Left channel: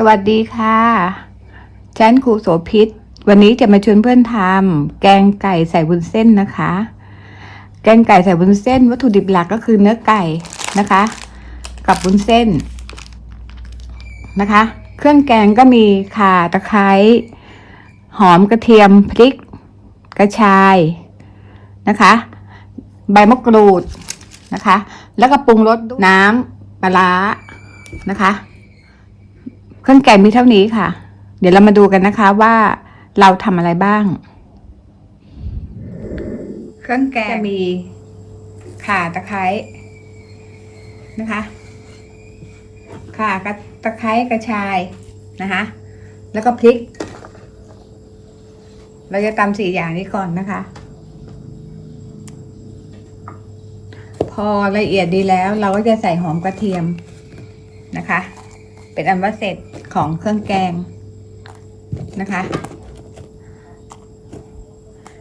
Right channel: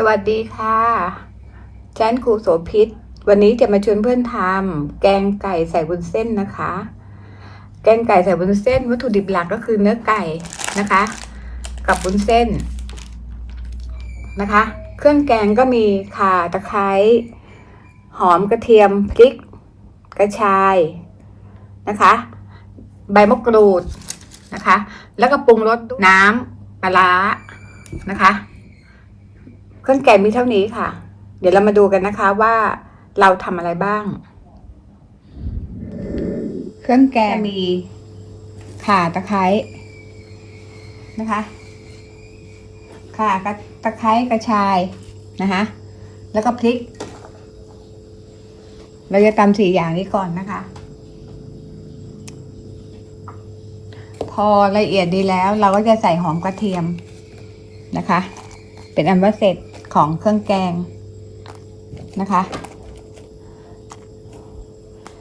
สวัสดีค่ะฉันครูโสพิษ วันนี้จะมาชวนเพื่อนทำแกงไก่ใส่วุ้นเส้นนะคะ แกงไก่ใส่วุ้นเส้น วัตถุดิบหลักก็คือเนื้อไก่นะคะ กับวุ้นเส้นนะคะ เครื่องแกงก็มีข่าตะไคร้หอมกระเทียมพริก กระชายนะคะ ใบมะกรูดนะคะ แล้วก็ปรุงรสน้ำปลาร้านะคะ เครื่องแกงมีเท่านี้ค่ะ เดี๋ยวเรามาดูกันนะคะว่าเราทำอะไรบ้าง เครื่องแกงจะมีข่าตะไคร้นะคะข่ากระตะไคร้กระชายนะคะ แล้วก็พริก เราจะตำสี่อย่างนี้ก่อนนะคะ พอละเอียดดีแล้วเราก็จะใส่หอมกระเทียมนะคะ เป็นอันว่าเสร็จ ของเครื่องแกงนะคะ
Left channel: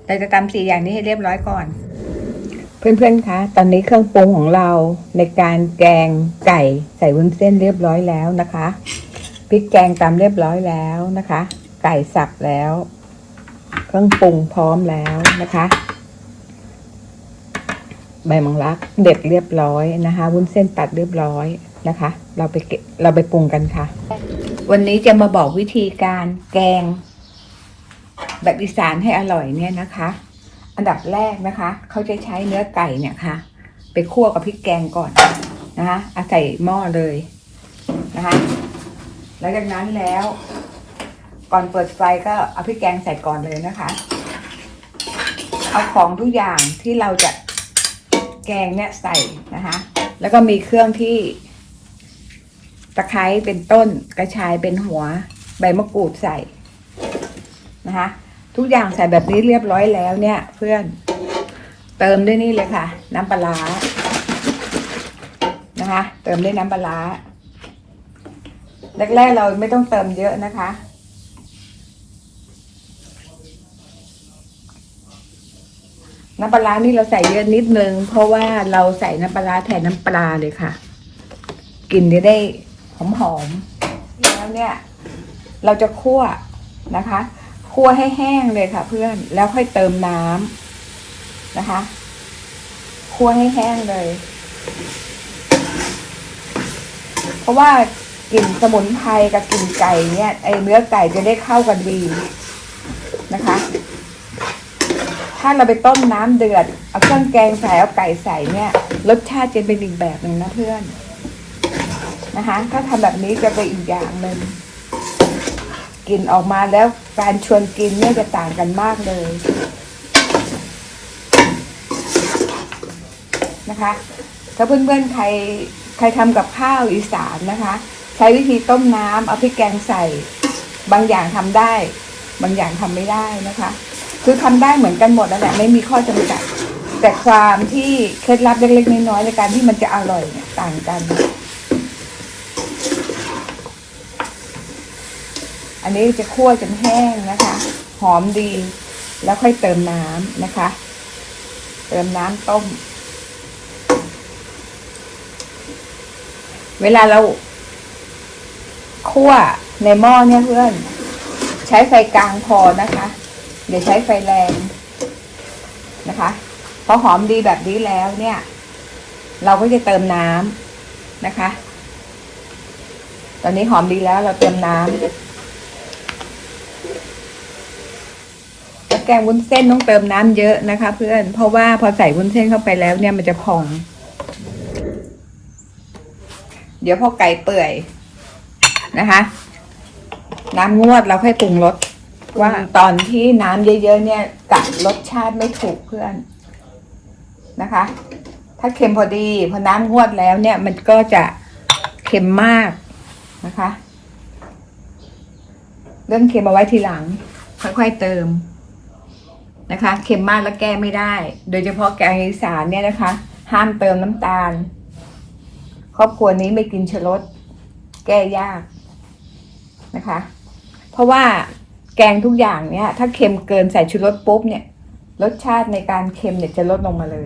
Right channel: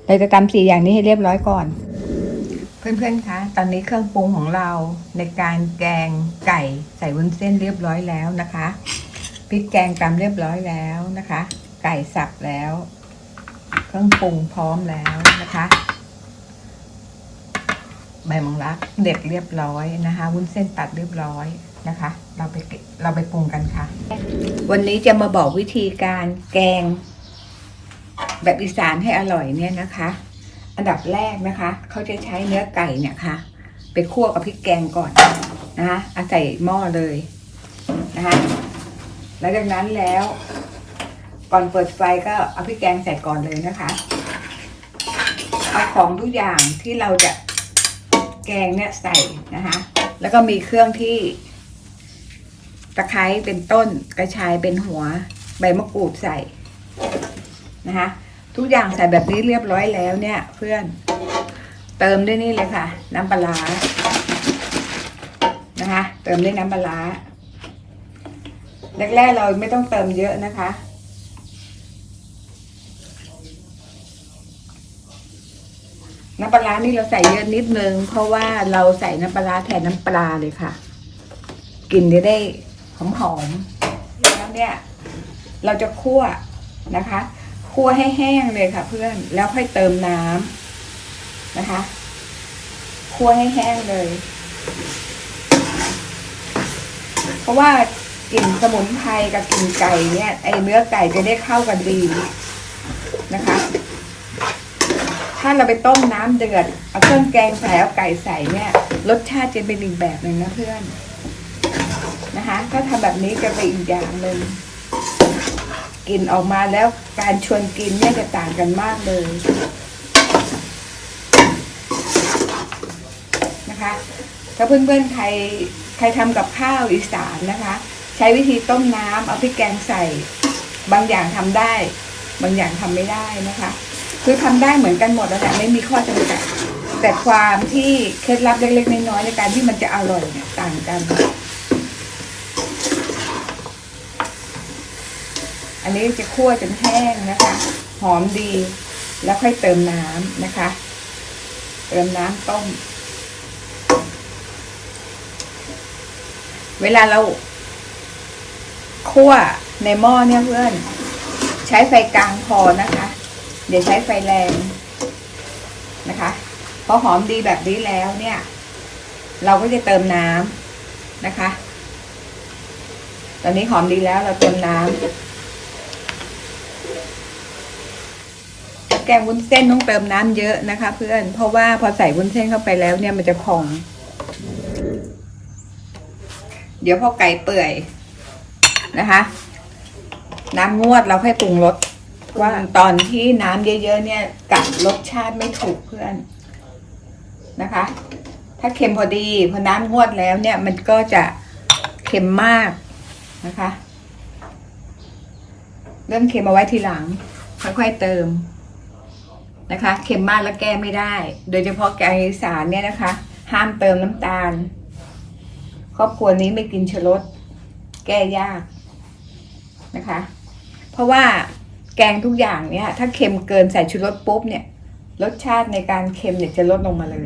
เราจะตำสี่อย่างนี้ให้เรียบร้อยก่อน เพื่อนๆ คะ ตอนนี้เครื่องปรุงของเราในการแกงไก่ใส่วุ้นเส้นเรียบร้อยแล้วนะคะพริกแกงตำเรียบร้อยแล้วนะคะ ไก่สับแล้ว เครื่องปรุงพร้อมแล้วนะคะ ใบมังลักเด็ดเรียบร้อยนะคะ วุ้นเส้นตัดเรียบร้อยนะคะ เราไปเก็บเราไปปรุงกันค่ะ วันนี้จะมาบอกวิธีการแกง แบบอีสานให้อร่อยเนี่ยนะคะ อันดับแรกนะคะ เขาจะใช้เนื้อไก่เนี่ยค่ะ ไปคั่วกับพริกแกงก่อนนะคะเอาใส่หม้อเลยนะคะแล้วจากนั้นแล้ว ก่อนเปิดไฟก็เอาพริกแกงใส่ก่อนเลยนะคะ เอาของทุกอย่างที่เราจะแกงเนี่ยใส่นะคะ แล้วก็มีเครื่องที่ ตะไคร้เป็นต้นกระชายเป็นหัว ใบมะกรูดใส่นะคะ ทุกอย่างใส่แบบนี้เรียบร้อยแล้วเนี่ย เพื่อนเติมด้วยนี่เลยค่ะ น้ำปลานะคะ เติมด้วยน้ำปลาแรกๆเราไม่ต้องเติมเยอะนะคะ น้ำปลานี่เราใส่เยอะนิดนึง เพราะว่าเราใส่น้ำปลาร้าแทนน้ำปลาเลยค่ะกลิ่นจะได้ หอมๆแล้วเนี่ย เราจะคั่วนะคะ คั่วให้แห้งเลยค่ะ เพื่อนแล้วค่อยเติมน้ำนะคะ คั่วให้แห้งเลย เพราะว่ากลิ่นสมุนไพรกับกลิ่นไก่เนี่ยไอเนื้อไก่จะได้เข้ากันดีนะคะ ถ้าเราไปต้มน้ำเดือดเอาเครื่องแกงใส่เอาไก่ใส่เนี่ย รสชาติจะเป็นอีกแบบหนึ่งนะเพื่อน นะคะ ถ้าทำแบบนี้จะเป็นอีกอย่างหนึ่งกลิ่นออกมาแล้วการชวนกินเนี่ยจะต่างกันมากเลยนะคะถ้าเพื่อนๆใครใครทำกับข้าวอีสานนะคะ ใช้วิธีต้มน้ำเอาพริกแกงใส่ บางอย่างทำได้ บางอย่างทำไม่ได้นะคะ คือทำได้เหมือนกันหมดนั่นแหละไม่มีข้อจำกัดแต่ความที่เคล็ดลับเล็กๆน้อยๆในการที่มันจะอร่อยเนี่ยต่างกัน นี้จะคั่วจนแห้งนะคะ หอมดี แล้วค่อยเติมน้ำนะคะ เติมน้ำต้ม เวลาเราคั่วในหม้อเนี่ยเพื่อน ใช้ไฟกลางพอนะคะ เดี๋ยวใช้ไฟแรงนะคะพอหอมดีแบบนี้แล้วเนี่ย เราก็จะเติมน้ำนะคะ ตอนนี้หอมดีแล้วเราเติมน้ำ แกงวุ้นเส้นต้องเติมน้ำเยอะนะคะ เพื่อนเพราะว่าพอใส่วุ้นเส้นเข้าไปแล้วเนี่ยมันจะพอง เดี๋ยวพอไก่เปื่อยนะคะ น้ำงวดเราค่อยปรุงรสว่าตอนที่น้ำเยอะๆเนี่ยกัดรสชาติไม่ถูกเพื่อนนะคะ ถ้าเค็มพอดีพอน้ำงวดแล้วเนี่ย มันก็จะเค็มมากนะคะ เรื่องเค็มเอาไว้ทีหลัง ค่อยๆเติม นะคะ เค็มมากแล้วแก้ไม่ได้ โดยเฉพาะแกงอีสานเนี่ยนะคะ ห้ามเติมน้ำตาล ครอบครัวนี้ไม่กินชะรสแก้ยากนะคะ เพราะว่าแกงทุกอย่างเนี่ยถ้าเค็มเกินใส่ชูรสปุ๊บเนี่ย รสชาติในการเค็มเนี่ยจะลดลงมาเลย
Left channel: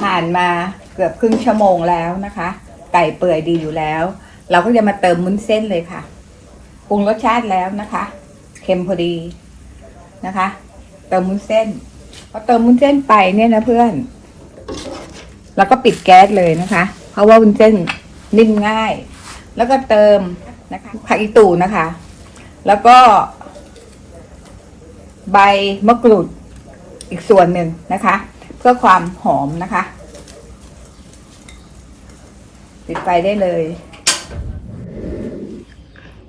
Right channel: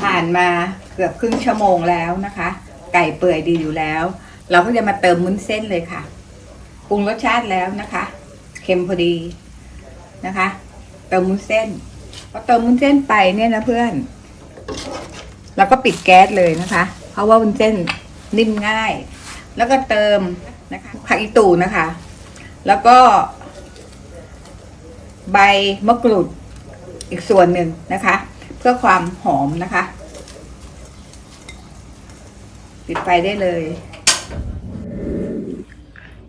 ผ่านมาเกือบครึ่งชั่วโมงแล้วนะคะ ไก่เปื่อยดีอยู่แล้ว เราก็จะมาเติมมุ้นเส้นเลยค่ะปรุงรสชาติแล้วนะคะ เค็มพอดีนะคะ ติมมุ้นเส้นพอเติมมุ้นเส้นไปเนี่ยนะเพื่อน แล้วก็ปิดแก๊สเลยนะคะ เพราะว่าวุ้นเส้นนิ่มง่าย แล้วก็เติมนะคะผักอีตูนะคะ แล้วก็ ใบมะกรูดอีกส่วนหนึ่งนะคะ เพื่อความหอมนะคะ ปิดไฟได้เลย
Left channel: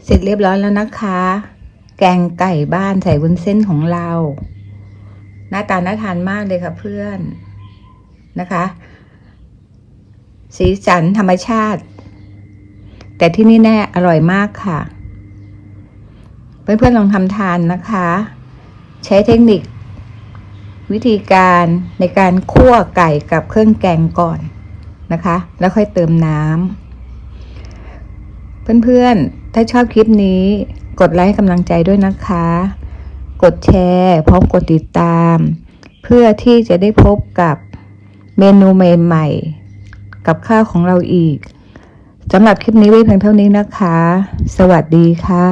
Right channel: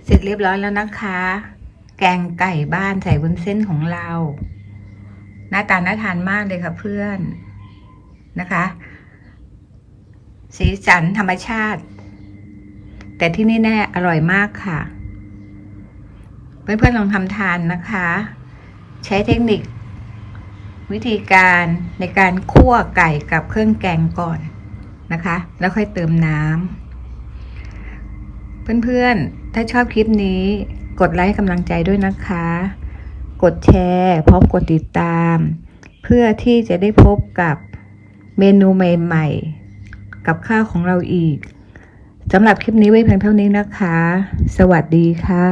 เสร็จเรียบร้อยแล้วนะคะ แกงไก่บ้านใส่วุ้นเส้นของเรา หน้าตาน่าทานมากเลยค่ะเพื่อนนะคะ สีสันธรรมชาติ แต่ที่นี่แน่อร่อยมากค่ะ เพื่อนๆลองทำทานนะคะ ใช้เทคนิค วิธีการในการคั่วไก่กับเครื่องแกงก่อนนะคะ แล้วค่อยเติมน้ำเพื่อนๆ ถ้าชอบคลิปนี้กดไลค์ให้กำลังใจด้วยนะคะ กดแชร์พร้อมกดติดตาม เพื่อที่จะได้พบกับเมนูใหม่ๆกับข้าวของเราอีกสำหรับคลิปนี้ไว้เพียงเท่านี้นะคะ สวัสดีค่ะ